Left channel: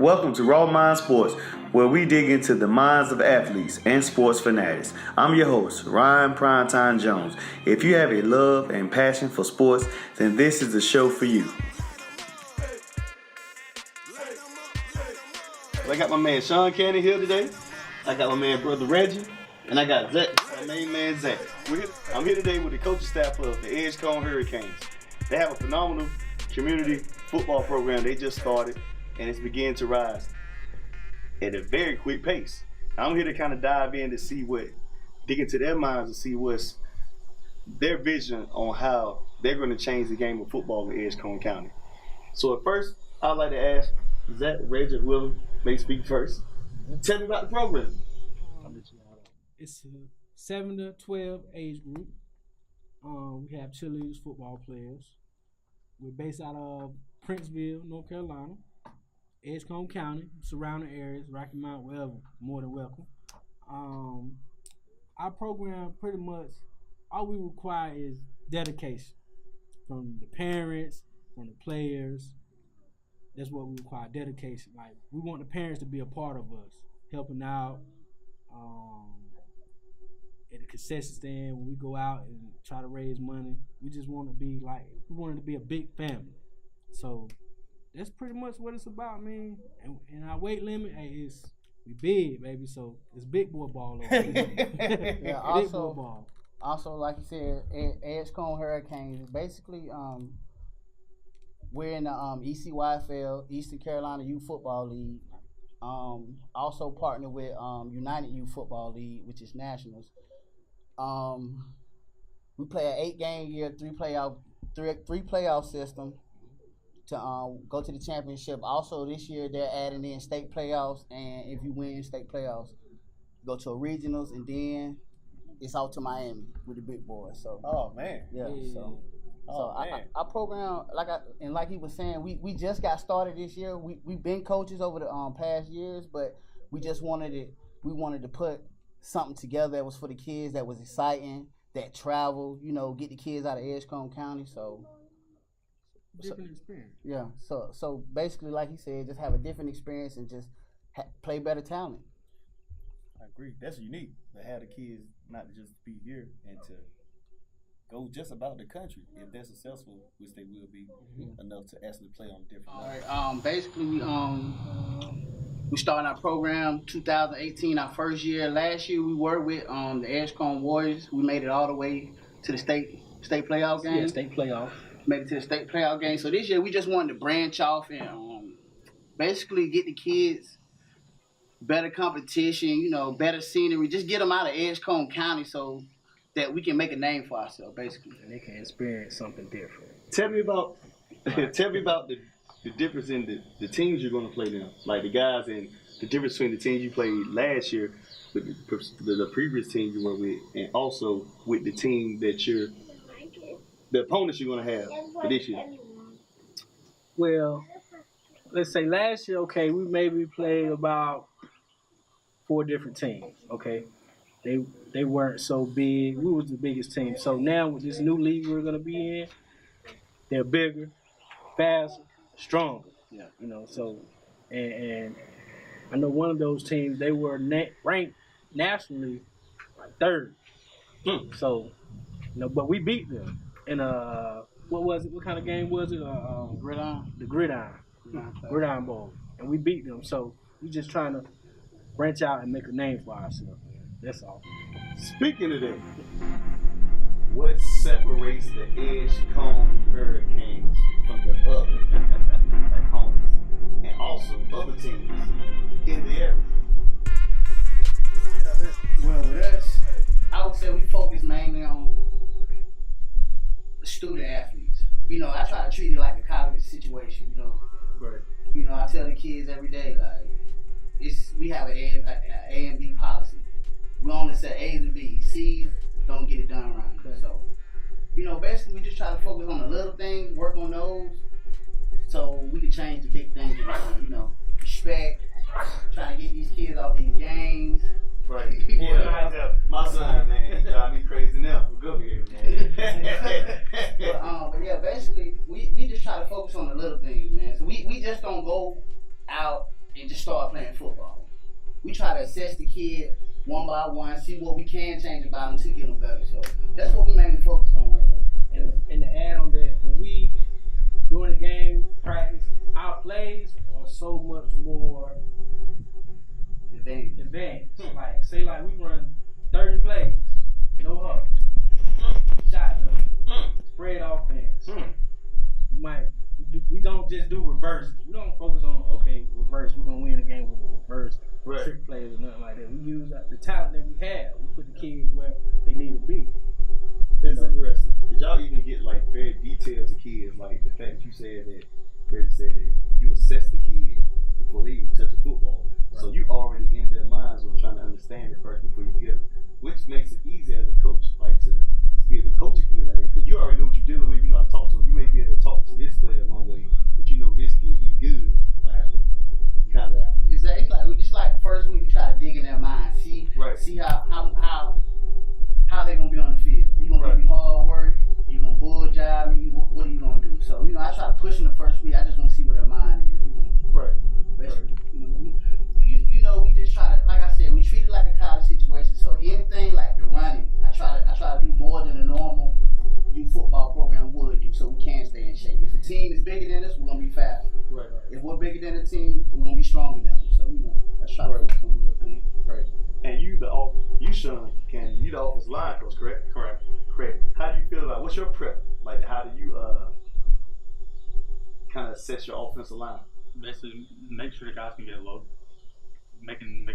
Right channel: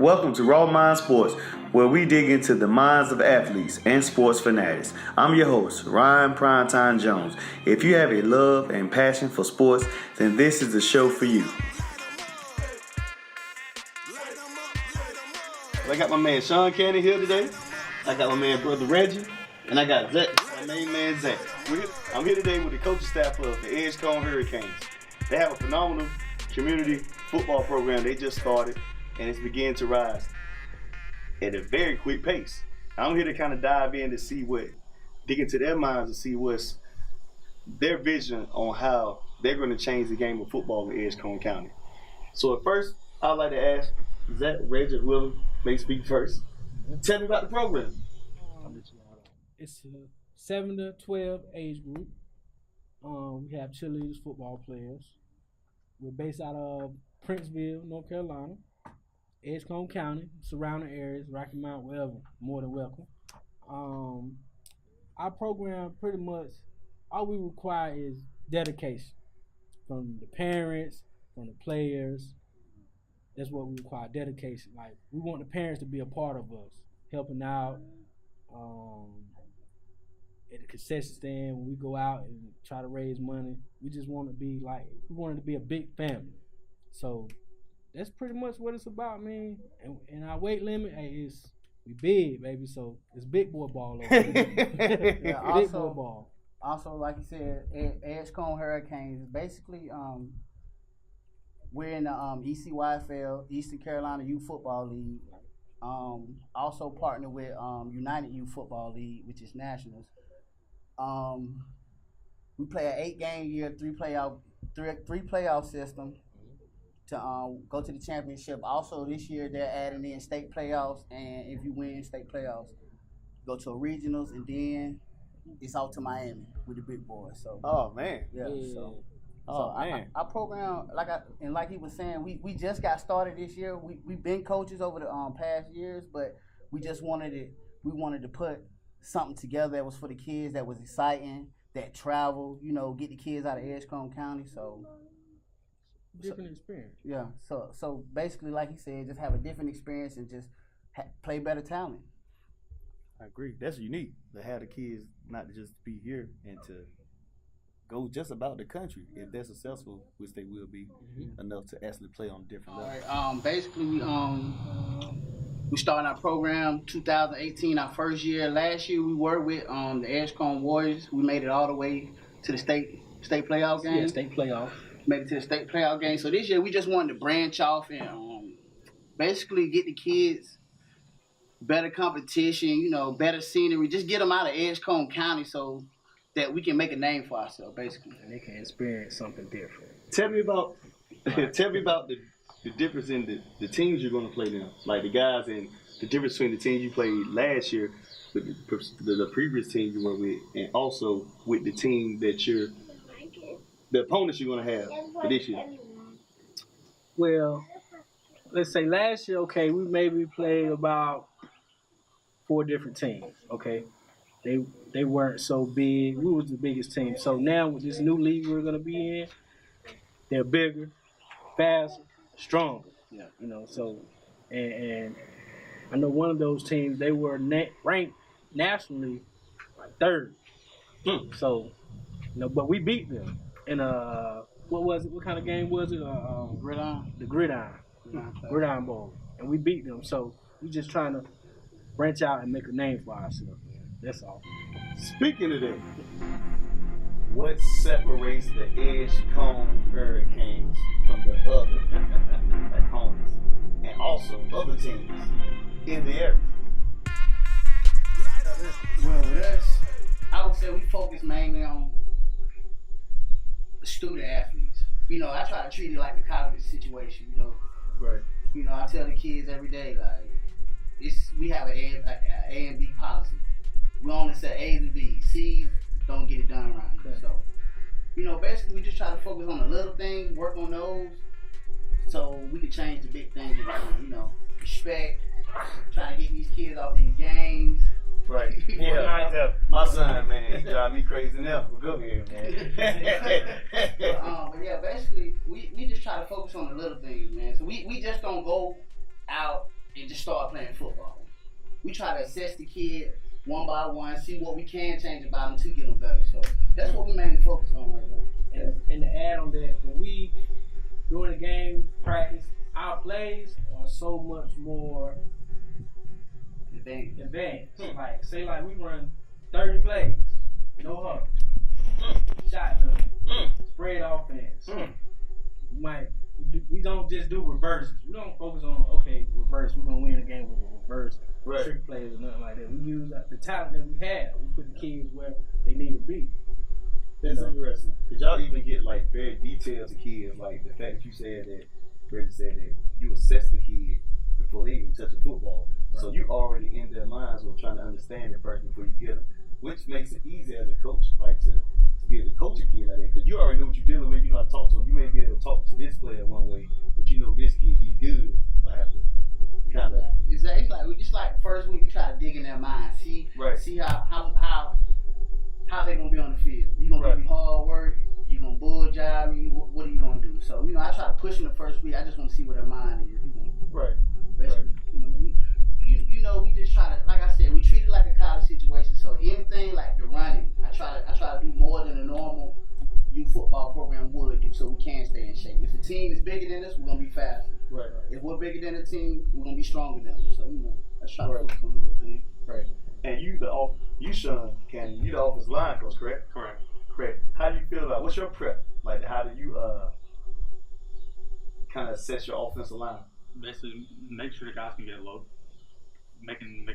Welcome to Raw Mind Sports, where we dig into the minds of athletes and sports fanatics. I'm your host, Ryan Primetime Jones. If you have a love and passion for sports, then this is the show for you. I got my man Sean Cannon here today. I got my man brother Reggie, and I got Zach, my main man Zach. I'm here today with the coaching staff of the Edgecombe Hurricanes. They have a phenomenal community football program they just started, and it's beginning to rise at a very quick pace. I'm here to kind of dive in to dig into their minds and see what's their vision on how they're going to change the game of football in Edgecombe County. So at first, I'd like to ask Zach, Reggie, Will may speak first. Tell me about the program. It's a 7 to 12 age group. We have cheerleaders, football players. We're based out of Princeville, North Carolina, Edgecombe County, surrounding areas, Rocky Mount, wherever, more than welcome. Our program, pretty much, all we require is dedication from the parents, from the players. That's what we require, dedication. Like, we want the parents to be a part of us, helping out at the concession stand when we go out and try to raise money. We just want to be we wanted to be a big family. So that's pretty much what it's about, man. And our weight limit, we big, baby. So it's big boy ball over here. Yeah, big boy ball. Also, like you said, Edgecombe Hurricanes. Basically, we're in the ECYFL, Eastern Carolina Youth Football League. Also partner with United Youth Football League, which is nationals. We play an 8-game year, three playoff system to go to the championship. Also this year they're adding in state playoffs, and if you win state playoffs, go to a regionals, and then it's out to Miami with the big boys. So Oh man. yeah. Man. Our program, like he was saying, we just got started this year. We've been coaches over the past years, but we just wanted to put something together that was for the kids, that was exciting, that traveled, get the kids out of Edgecombe County. So Different experience. yeah. So basically, like he said, just have a different experience and just play better talent. I agree. That's unique to have the kids not to just be here and to go just about the country if they're successful, which they will be, enough to actually play on different levels. All right. Basically, we started our program 2018, our first year. Last year we were with the Edgecombe Warriors. We made it all the way to the state playoff game. Yeah, state playoff. Made it to the state playoff game. So this year we just wanted to branch off and basically get the kids better competition, better scenery. Just get them out of Edgecombe County so that we can make a name for ourselves, basically. And they can experience something different. Tell me about the difference in the teams you're going to play now, like the guys, and the difference between the teams you played last year with the previous team you were with, and also with the team that the opponents you're going to have for this year. Well, let's say last year, okay, we maybe played about 4 different teams, okay? They weren't so big. We was the biggest team. So now with this new league we're going to be in, they're bigger, faster, stronger. Yeah. So, and I know one of those teams, they were ranked nationally like 3rd. So, but we beat them. And what was it? What kind of game was it? Gridiron. The Gridiron Bowl. And we beat them. So we just trying to branch out and make a name for ourselves. That's all. Speaking of that, what separates the Edgecombe Hurricanes from the other opponents and also other teams in the area? Well, with us, I would say we focus mainly on student athletes. I try to treat it like a college situation, Right. I tell the kids every day, we have an A and B policy. We only set A's and B's. C's don't get it done around here. So, basically we just try to focus on the little things, work on those, so we can change the big things. Respect, trying to get these kids off these games. Right. Yeah. My son, man, he drive me crazy now. Go ahead, man. But yeah, basically we just try to focus on the little things, man. So we just don't go out and just start playing football. We try to assess the kid one by one, see what we can change about them to get them better. So that's what we mainly focus on right now. And to add on that, when we during the game practice, our plays are so much more advanced. Like say we run 30 plays, no huddle, shotgun, spread offense. We don't just do reverses. We don't focus on reverse. We're gonna win the game with a reverse trick plays or nothing like that. We use the talent that we have. We put the kids where they need to be. That's interesting. Did y'all even get like very detailed to kids? Like the fact that you said that, Reggie said that you assess the kid before they even touch a football. Right. So you already in their minds of trying to understand that person before you get them, which makes it easy as a coach, like to be able to coach a kid like that, because you already know what you're dealing with. You know how to talk to them. You may be able to talk to this player one way, but you know this kid, he's good. I have to kind of. It's like the first week we try to dig in their mind, see how they gonna be on the field. You gonna give me hard work? You gonna bull job me? What are you gonna do? So I try to push them the first week. I just want to see what their mind is. Basically, we just try to, like I said, we treat it like a college situation. So anything like the running, I try to do more than a normal youth football program would do, so we can stay in shape. If the team is bigger than us, we're gonna be faster. Right. If we're bigger than the team, we're gonna be stronger than them. So let's try to focus on the little thing. Right. And you, Sean, you the offensive line coach, correct? Correct. How do you feel about what's your prep? Like, how do you kind of assess your offensive line? Basically, make sure the guys can get low. Make them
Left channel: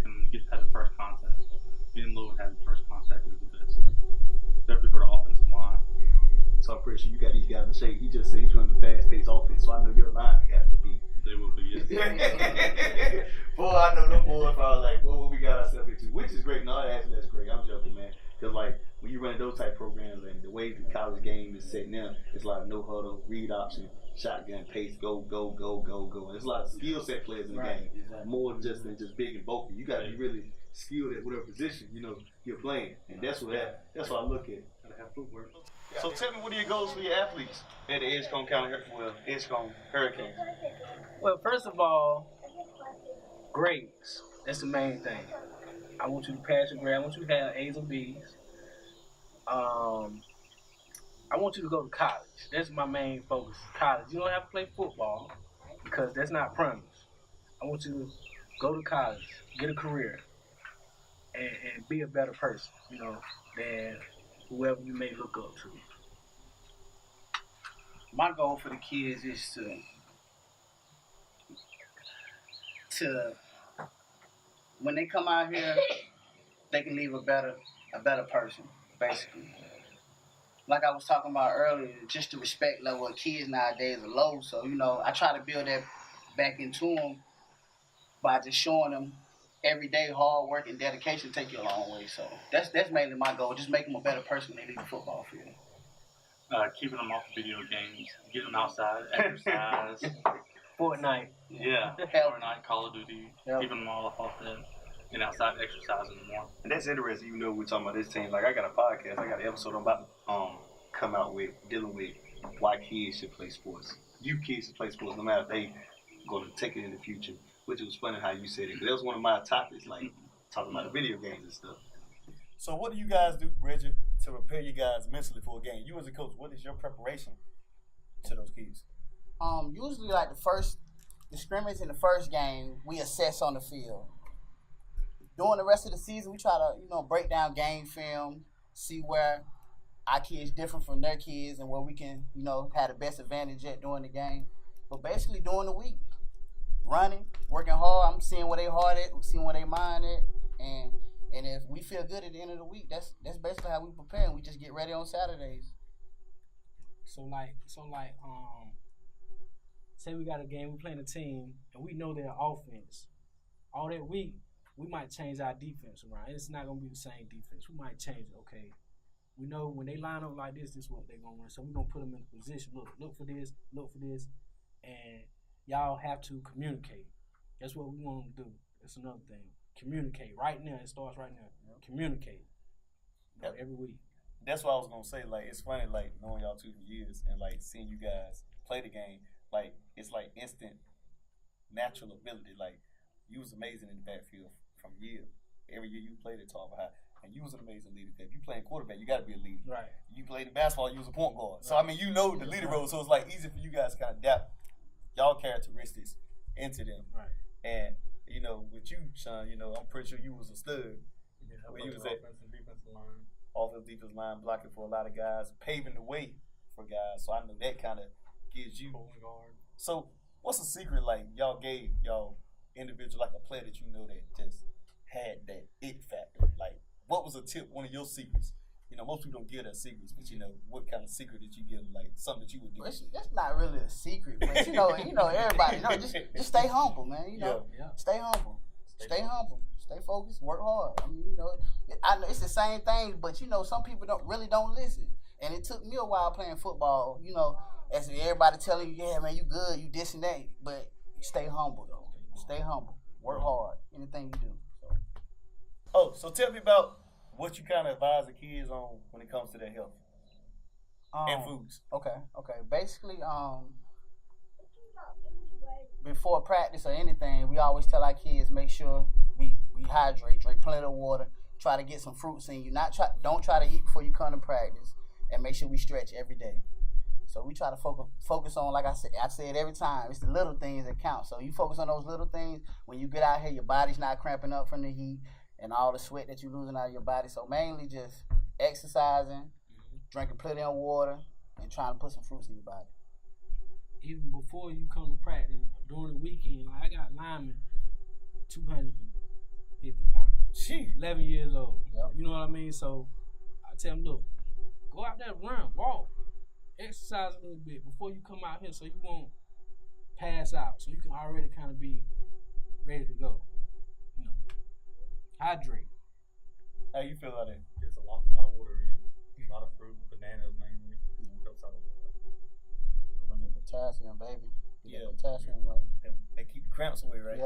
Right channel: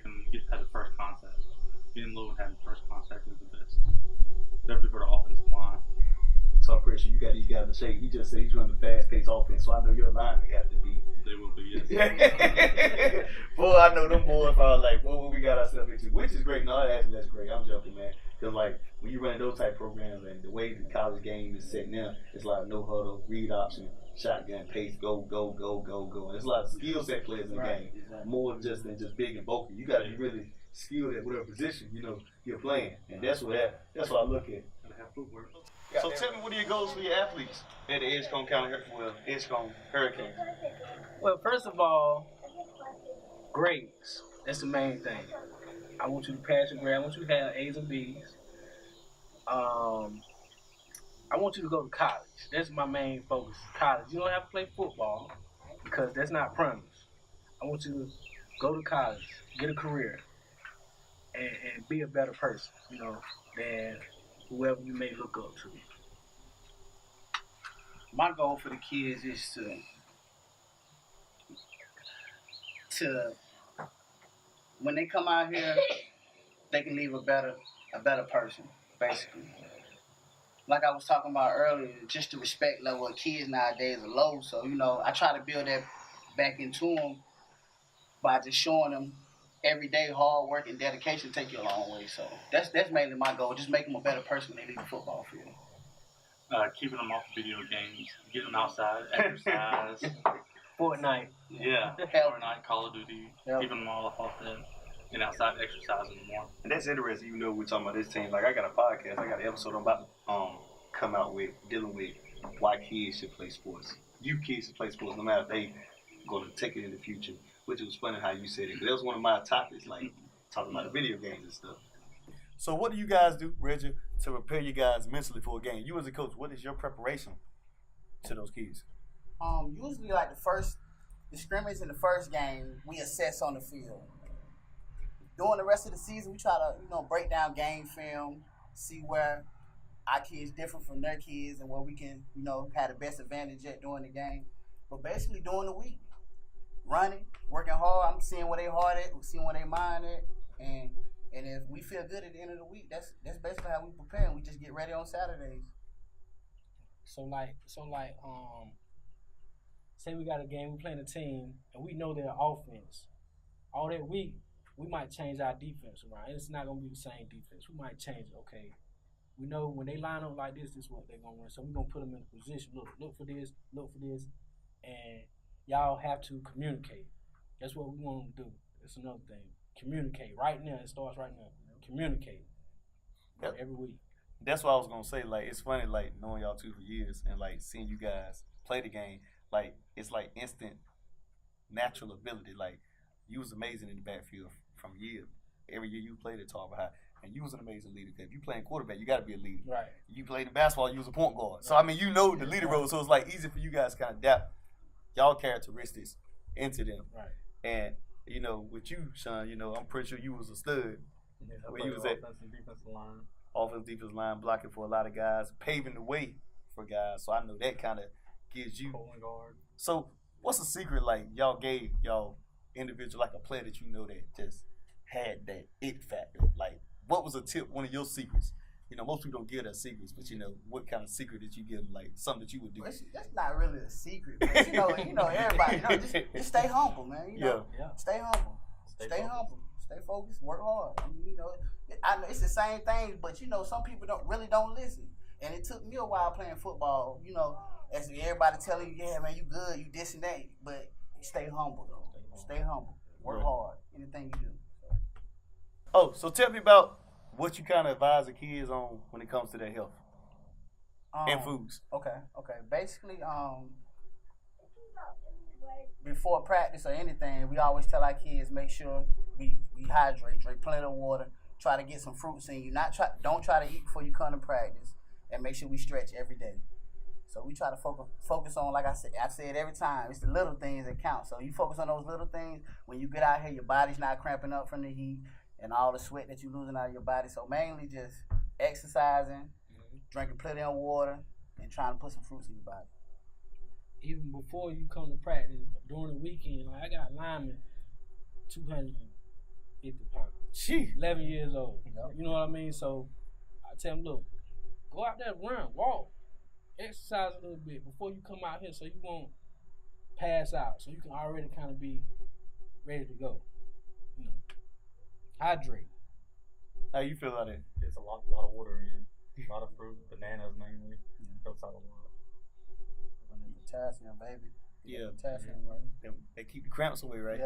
have the first contact. Getting low and having the first contact is the best. Definitely for the offensive line. So I'm pretty sure you got these guys in shape. He just said he's running the fast-paced offense, so I know your line have to be. They will be, yes. Boy, I know them boys are like, what we got ourselves into, which is great. No, actually, that's great. I'm joking, man. Because, like, when you run those type programs and the way the college game is set now, it's like no huddle, read option, shotgun, pace, go. And there's a lot of skill set players in the game. Exactly. More than just big and bulky. You got to be really skilled at whatever position, you're playing. And that's what I look at. Gotta have footwork. So tell me, what are your goals for your athletes at the Edgecombe Hurricanes? Well, first of all, grades. That's the main thing. I want you to pass your grade. I want you to have A's and B's. I want you to go to college. That's my main focus. College. You don't have to play football because that's not promised. I want you to go to college, get a career, and be a better person, than whoever you may look up to. My goal for the kids is to when they come out here, they can leave a better person, basically. Like I was talking about earlier, just the respect level of kids nowadays are low. So, I try to build that back into them by just showing them every day hard work and dedication take you a long way. So that's mainly my goal, just make them a better person when they leave the football field. Keeping them off video games, getting them outside, exercise. Fortnite. Yeah, Fortnite, Call of Duty, keeping them all off that, and outside exercising more. And that's interesting, even though we're talking about this team. Like, I got a podcast, I got an episode I'm about to come out with, dealing with why kids should play sports. You kids should play sports no matter if they going to take it in the future, which was funny how you said it. That was one of my topics, like talking about the video games and stuff. So what do you guys do, Reggie, to prepare you guys mentally for a game? You as a coach, what is your preparation to those kids? Usually like the scrimmage in the first game, we assess on the field. During the rest of the season, we try to, break down game film, see where our kids differ from their kids and where we can, have the best advantage at during the game. But basically during the week, running, working hard, I'm seeing where they hard at, seeing where they mind at, and if we feel good at the end of the week, that's basically how we prepare, and we just get ready on Saturdays. So say we got a game, we playing a team, and we know their offense. All that week, we might change our defense around. It's not going to be the same defense. We might change it, okay. We know when they line up like this is what they're going to run. So we're going to put them in a position. Look for this, and y'all have to communicate. That's what we want to do. That's another thing. Communicate. Right now, it starts right now. Communicate. Every week. That's what I was going to say. Like, it's funny, like, knowing y'all two for years and, like, seeing you guys play the game. Like, it's like instant natural ability. Like, you was amazing in the backfield from year. Every year you played at Tarver High, and you was an amazing leader. If you playing quarterback, you got to be a leader. Right. You played in basketball, you was a point guard. So I mean, you know the leader role. So it's like easy for you guys to kind of adapt y'all characteristics into them. Right. And you know, with you, Sean, you know, I'm pretty sure you was a stud. Yeah, Where you was at offensive and defensive line. offensive defensive line, blocking for a lot of guys, paving the way for guys. So I know that kind of gives you. Pulling guard. So what's the secret like y'all gave y'all individual, like a player that you know that just had that it factor? Like what was a tip, one of your secrets? You know, most people don't give their secrets, but you know, what kind of secret did you give them? Like something that you would do? That's not really a secret, but you know, everybody, just stay humble, man. You know, stay humble, stay humble, stay focused, work hard. I mean, you know, I know it's the same thing, but you know, some people don't listen. And it took me a while playing football. You know, as everybody telling you, yeah, man, you good, you this and that, but stay humble though. Stay humble, work hard, anything you do. So tell me about what you kind of advise the kids on when it comes to their health and foods. Okay. Basically, before practice or anything, we always tell our kids make sure we hydrate, drink plenty of water, try to get some fruits in you. Don't try to eat before you come to practice, and make sure we stretch every day. So we try to focus on, like I said every time, it's the little things that count. So you focus on those little things. When you get out here, your body's not cramping up from the heat and all the sweat that you're losing out of your body. So mainly just exercising, drinking plenty of water, and trying to put some fruits in your body. Even before you come to practice, during the weekend, like I got linemen 250 pounds. Gee. 11 years old. Yep. You know what I mean? So I tell them, look, go out there, run, walk, exercise a little bit before you come out here so you won't pass out. So you can already kind of be ready to go. You know, hydrate. How you feel about it? Gets a lot of water in, a lot of fruit, bananas mainly. Helps out a lot. Potassium, baby. Yeah. Potassium, right? They keep the cramps away, right?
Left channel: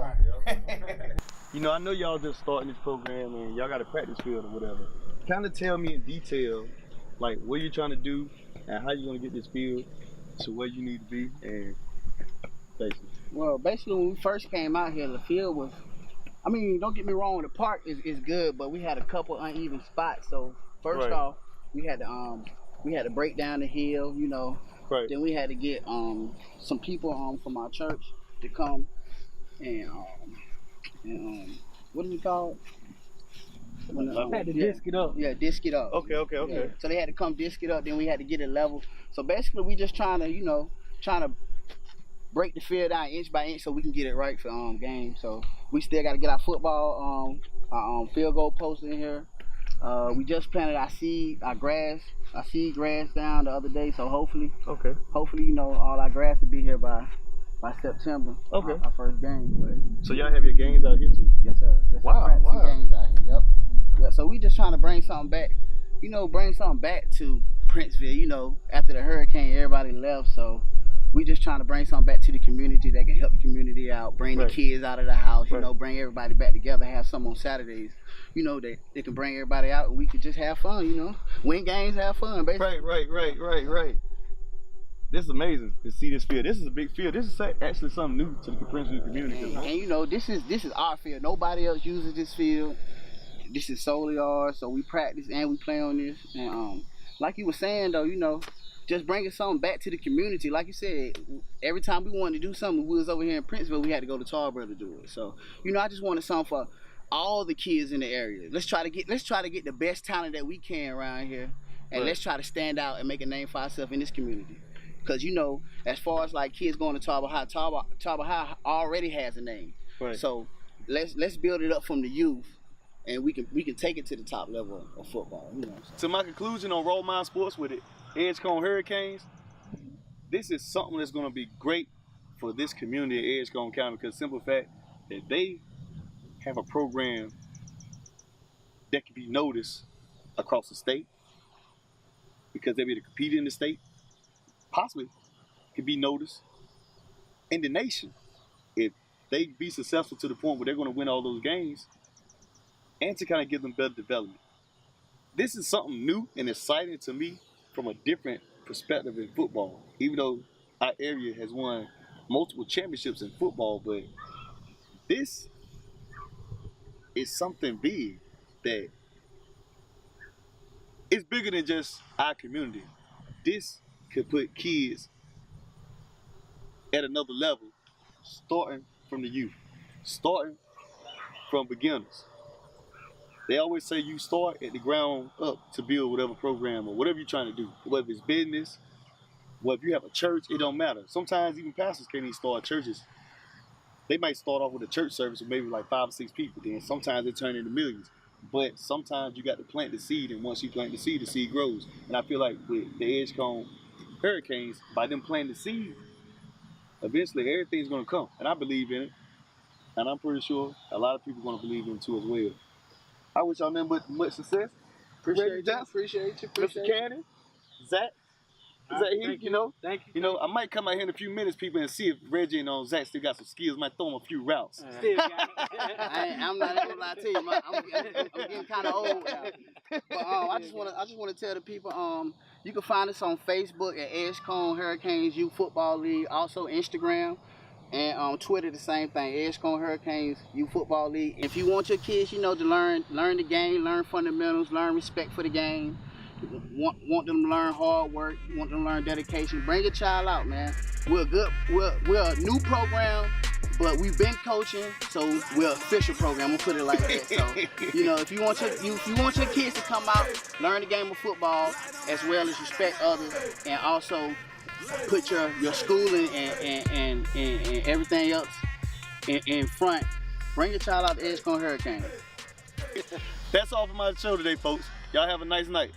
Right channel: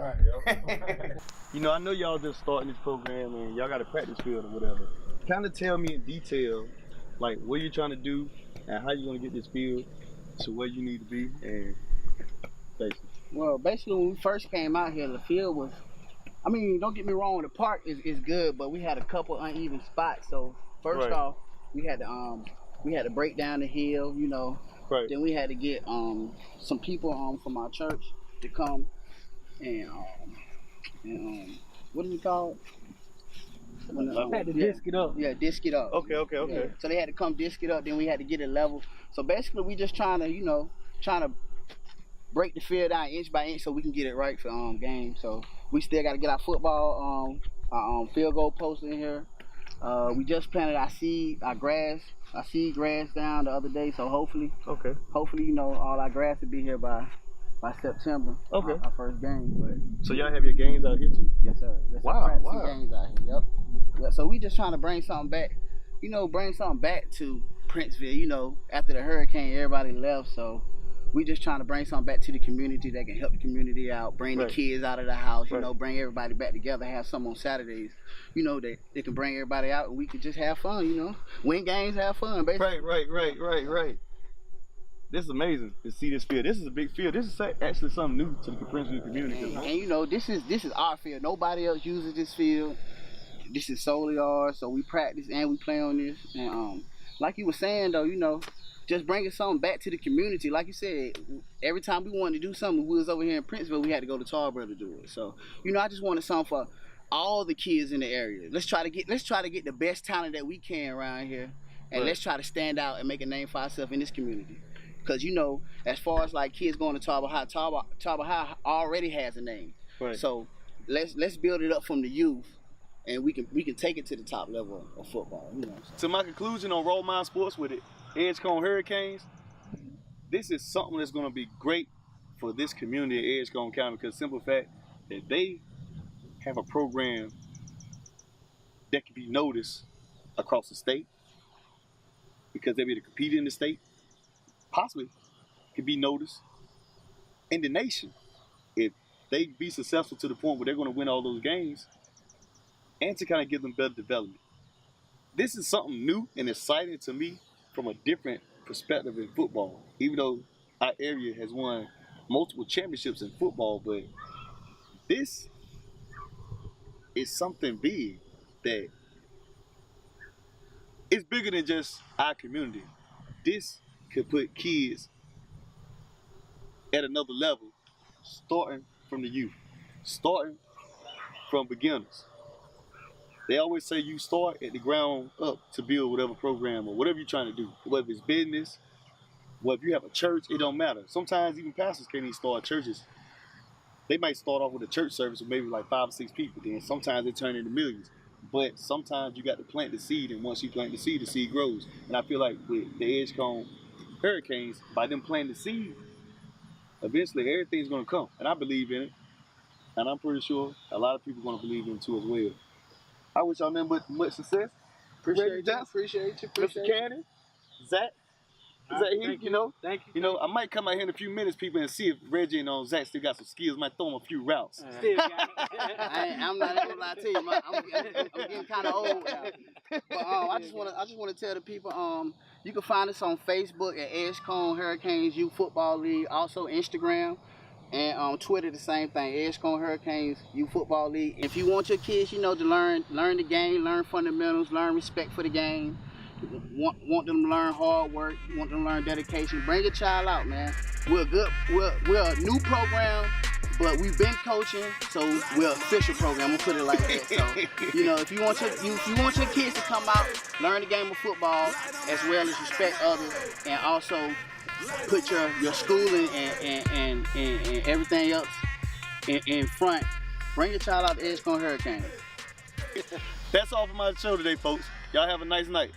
Yeah. You know, I know y'all just starting this program and y'all got a practice field or whatever. Kind of tell me in detail, like what you're trying to do and how you're going to get this field to where you need to be, and basically. Well, basically when we first came out here, the field was, I mean, don't get me wrong, the park is good, but we had a couple uneven spots. So first off, we had to break down the hill, you know. Right. Then we had to get some people from our church to come and what is it called? Had to disc it up. Yeah, disc it up. Okay. Yeah. So they had to come disc it up. Then we had to get it level. So basically, we just trying to break the field down inch by inch so we can get it right for game. So we still got to get our football field goal post in here. We just planted our seed grass down the other day. So hopefully, you know, all our grass will be here by September. Okay. Our first game. But So y'all have your games out here too? yes, sir. That's Wow. Games out here. Yep. Yeah, so we just trying to bring something back. You know, to Princeville. You know, after the hurricane, everybody left. So we just trying to bring something back to the community that can help the community out, bring the kids out of the house, you know, bring everybody back together, have some on Saturdays, you know, that they can bring everybody out and we can just have fun, you know, win games, have fun, basically. Right. This is amazing to see this field. This is a big field. This is actually something new to the Princeville community. And you know, this is our field. Nobody else uses this field. This is solely ours, so we practice and we play on this. And like you were saying though, you know, just bringing something back to the community. Like you said, every time we wanted to do something, we was over here in Princeville, we had to go to Tarboro to do it. So, you know, I just wanted something for all the kids in the area. Let's try to get the best talent that we can around here, and let's try to stand out and make a name for ourselves in this community. Because, you know, as far as like kids going to Tarboro High already has a name. Right. So let's build it up from the youth, and we can take it to the top level of football. You know. To my conclusion on Roll Mind Sports with it, Edgecombe Hurricanes, this is something that's going to be great for this community of Edgecombe County, because simple fact that they have a program that can be noticed across the state, because they'll be able to compete in the state, possibly can be noticed in the nation if they be successful to the point where they're going to win all those games, and to kind of give them better development. This is something new and exciting to me from a different perspective in football, even though our area has won multiple championships in football. But this it's something big that it's bigger than just our community. This could put kids at another level, starting from the youth, starting from beginners. They always say you start at the ground up to build whatever program or whatever you're trying to do, whether it's business, whether you have a church, it don't matter. Sometimes even pastors can't even start churches. They might start off with a church service with maybe like 5 or 6 people, then sometimes they turn into millions. But sometimes you got to plant the seed, and once you plant the seed grows. And I feel like with the Edgecombe Hurricanes, by them planting the seed, eventually everything's going to come. And I believe in it. And I'm pretty sure a lot of people are going to believe in it too as well. I wish y'all nothing but much success. Appreciate you. Mr. Cannon, Zach. Heath, you know, Thank you. You know, I might come out here in a few minutes, people, and see if Reggie and Zach still got some skills. Might throw them a few routes. Still got it. I'm not gonna lie to you, I'm getting kind of old now. But I just want to tell the people, you can find us on Facebook at Edgecombe Hurricanes Youth Football League, also Instagram, and on Twitter the same thing, Edgecombe Hurricanes Youth Football League. If you want your kids, you know, to learn the game, learn fundamentals, learn respect for the game. Want them to learn hard work, want them to learn dedication. Bring your child out, man. We're a new program, but we've been coaching, so we're an official program. We'll put it like that. So, you know, if you want your kids to come out, learn the game of football, as well as respect others, and also put your schooling and everything else in front. Bring your child out to Edgecombe Hurricanes. That's all for my show today, folks. Y'all have a nice night.